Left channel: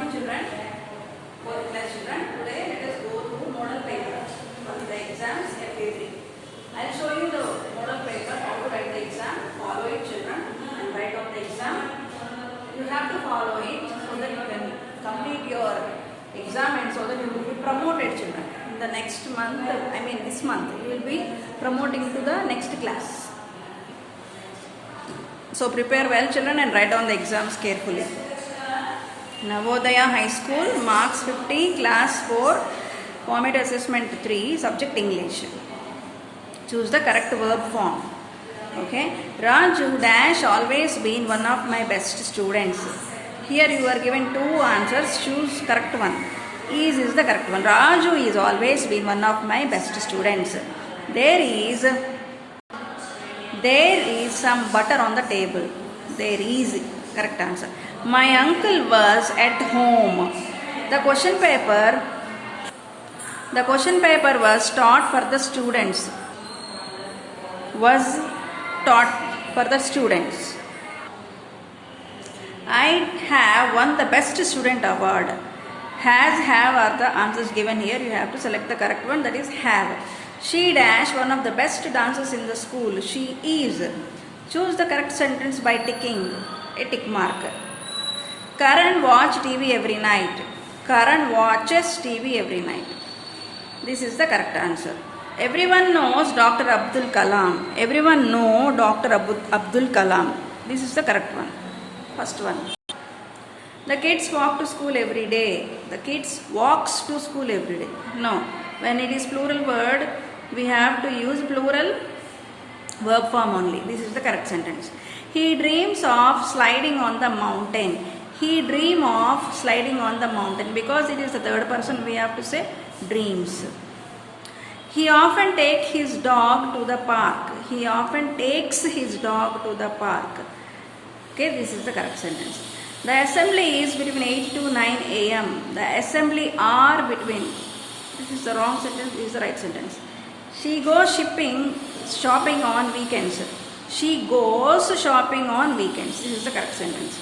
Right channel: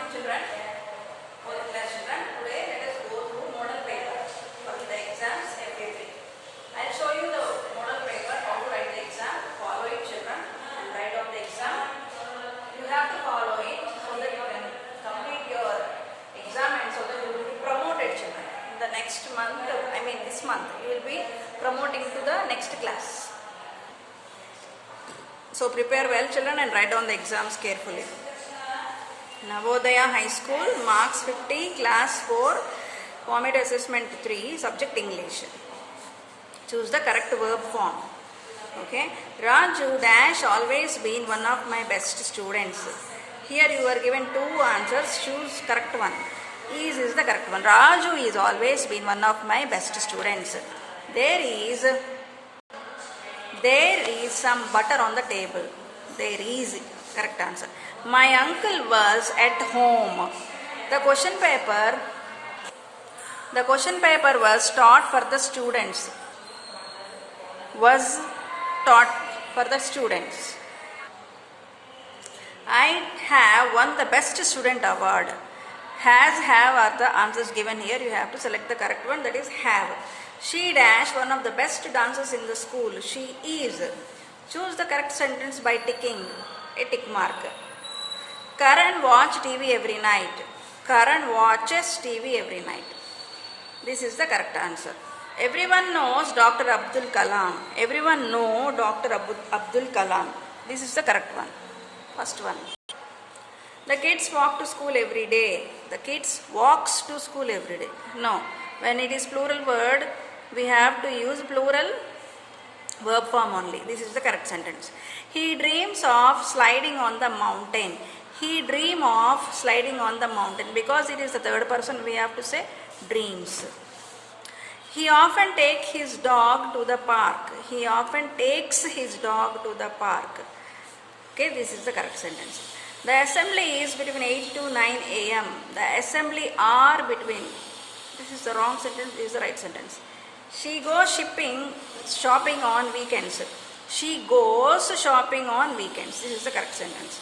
morning, children. Fourth class children. Today let us go through model paper for the exams FA3. I'll show you the model paper, how to write the exam. Follow it, children, and write out the exam. You have to follow it so that you can complete your exam and so that you will be promoted, children. In the next month, this month, you will be promoting to the next class. So prepare well, children, and write down the exams carefully. Navodaya High School, marks 50, class 4, format assessment 3, subject English. Choose the correct verb form. Okay. Raju dash always been one of my best students. Here you are given two answers. Choose correct one. Is the correct one. Raju is always been one of my best students. There is some butter on the table. There is correct answer. My uncle was at home. The question paper was taught for the students. Was taught for the students. I have won the best student award. Has, have are the answers given here. You have to select the correct one, that is have. She dash one of the best dancers in the school. She is. Choose the correct sentence by ticking a tick mark. Karan watch TV every night. Karan watches TV every night. This is the correct answer. Everyone knows Dr. Abdul Kalam. Everyone know Dr. Abdul Kalam. This is the correct one. First one. The kids walk to school every day. The kids walks to school every day. No. When it is plural word, we have to use plural verb form only. This is the correct sentence. He dreams of sliding on the mountain. He dream of sliding on the mountain. Because it is the third person, we have to say dreams. He often takes his dog to the park. He often takes his dog to the park. Okay, this is the correct sentence. The assembly is between 8 to 9 a.m. The assembly are between. This is the wrong sentence, this is the right sentence. She goes shopping on weekends. She goes shopping on weekends. This is the correct sentence.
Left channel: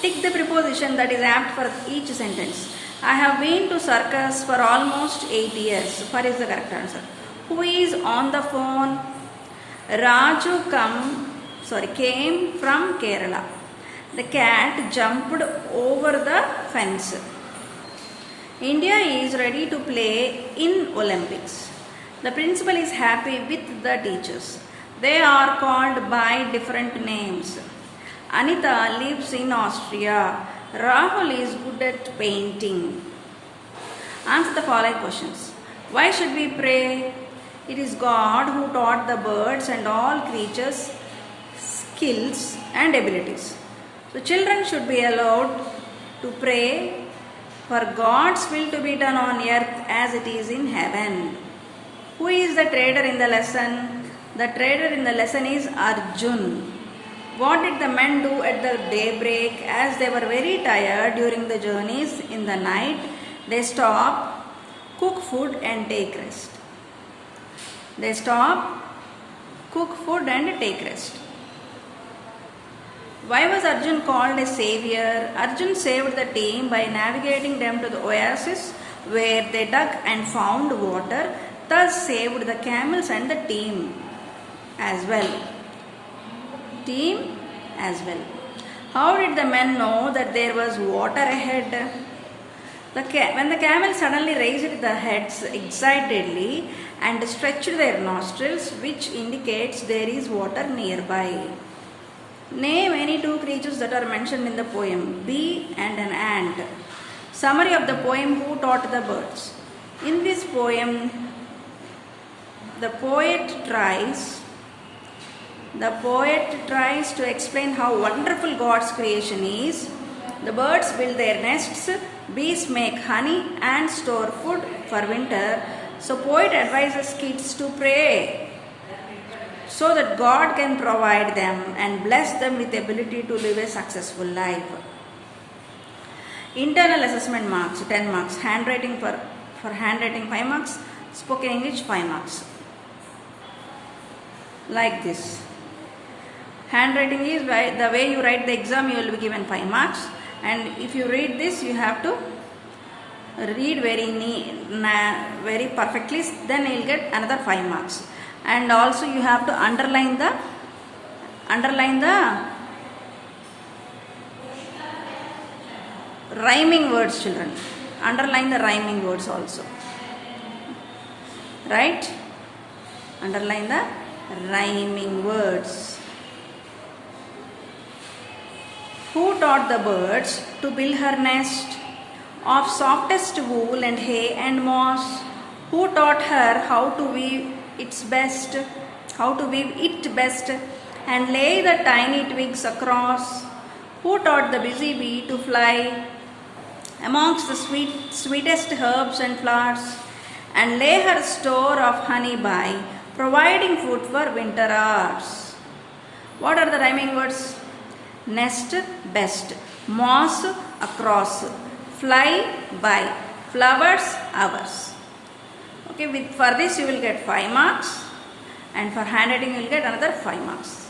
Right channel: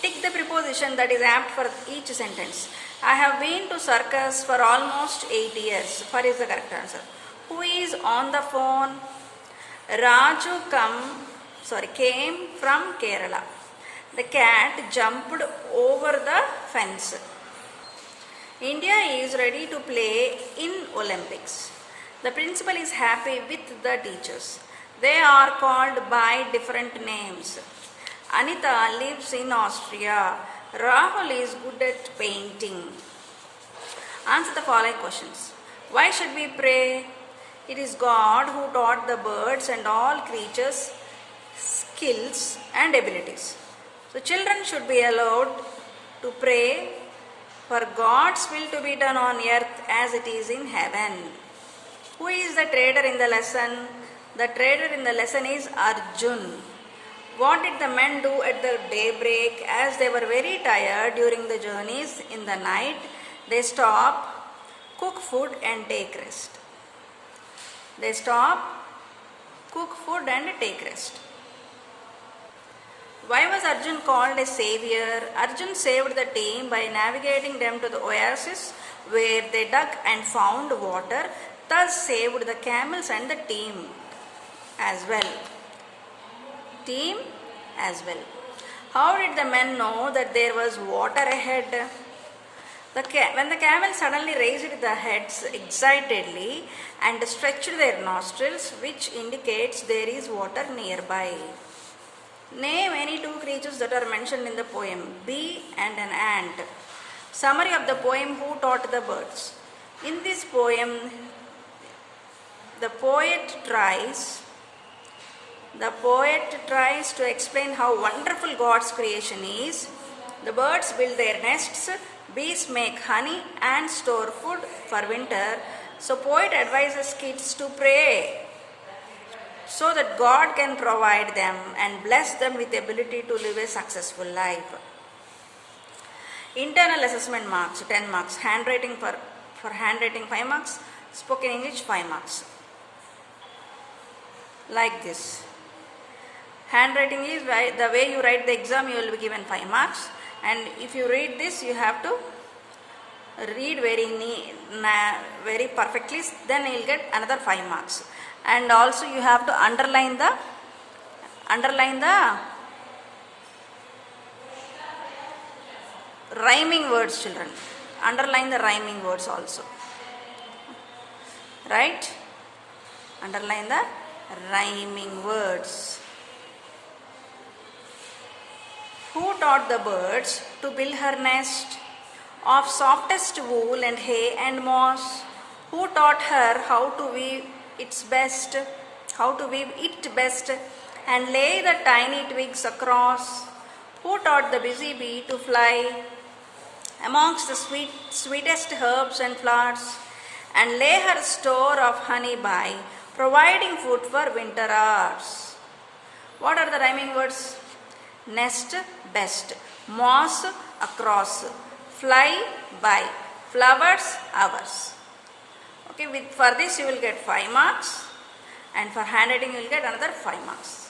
Tick the preposition that is apt for each sentence. I have been to circus for almost 8 years. For is the correct answer. Who is on the phone? Raju came from Kerala. The cat jumped over the fence. India is ready to play in Olympics. The principal is happy with the teachers. They are called by different names. Anita lives in Austria. Rahul is good at painting. Answer the following questions. Why should we pray? It is God who taught the birds and all creatures skills and abilities. So children should be allowed to pray for God's will to be done on earth as it is in heaven. Who is the trader in the lesson? The trader in the lesson is Arjun. What did the men do at the daybreak? As they were very tired during the journeys in the night, they stop, cook food and take rest. They stop, cook food and take rest. Why was Arjun called a savior? Arjun saved the team by navigating them to the oasis where they dug and found water, thus saved the camels and the team as well. How did the men know that there was water ahead? When the camels suddenly raised their heads excitedly and stretched their nostrils, which indicates there is water nearby. Name any two creatures that are mentioned in the poem, bee and an ant. Summary of the poem, who taught the birds. In this poem, the poet tries to explain how wonderful God's creation is. The birds build their nests, bees make honey and store food for winter. So poet advises kids to pray so that God can provide them and bless them with the ability to live a successful life. Internal assessment marks, 10 marks. Handwriting for handwriting 5 marks. Spoken English 5 marks. Like this. Handwriting is the way you write the exam, you will be given 5 marks. And if you read this, you have to read very perfectly, then you will get another 5 marks. And also you have to underline the rhyming words, children. Underline the rhyming words also. Right? Underline the rhyming words. Who taught the birds to build her nest of softest wool and hay and moss? Who taught her how to weave it best and lay the tiny twigs across? Who taught the busy bee to fly amongst the sweetest herbs and flowers and lay her store of honey by, providing food for winter hours? What are the rhyming words? Nest, best. Moss, across. Fly, by. Flowers, hours. Okay, for this you will get 5 marks, and for handwriting you will get another 5 marks.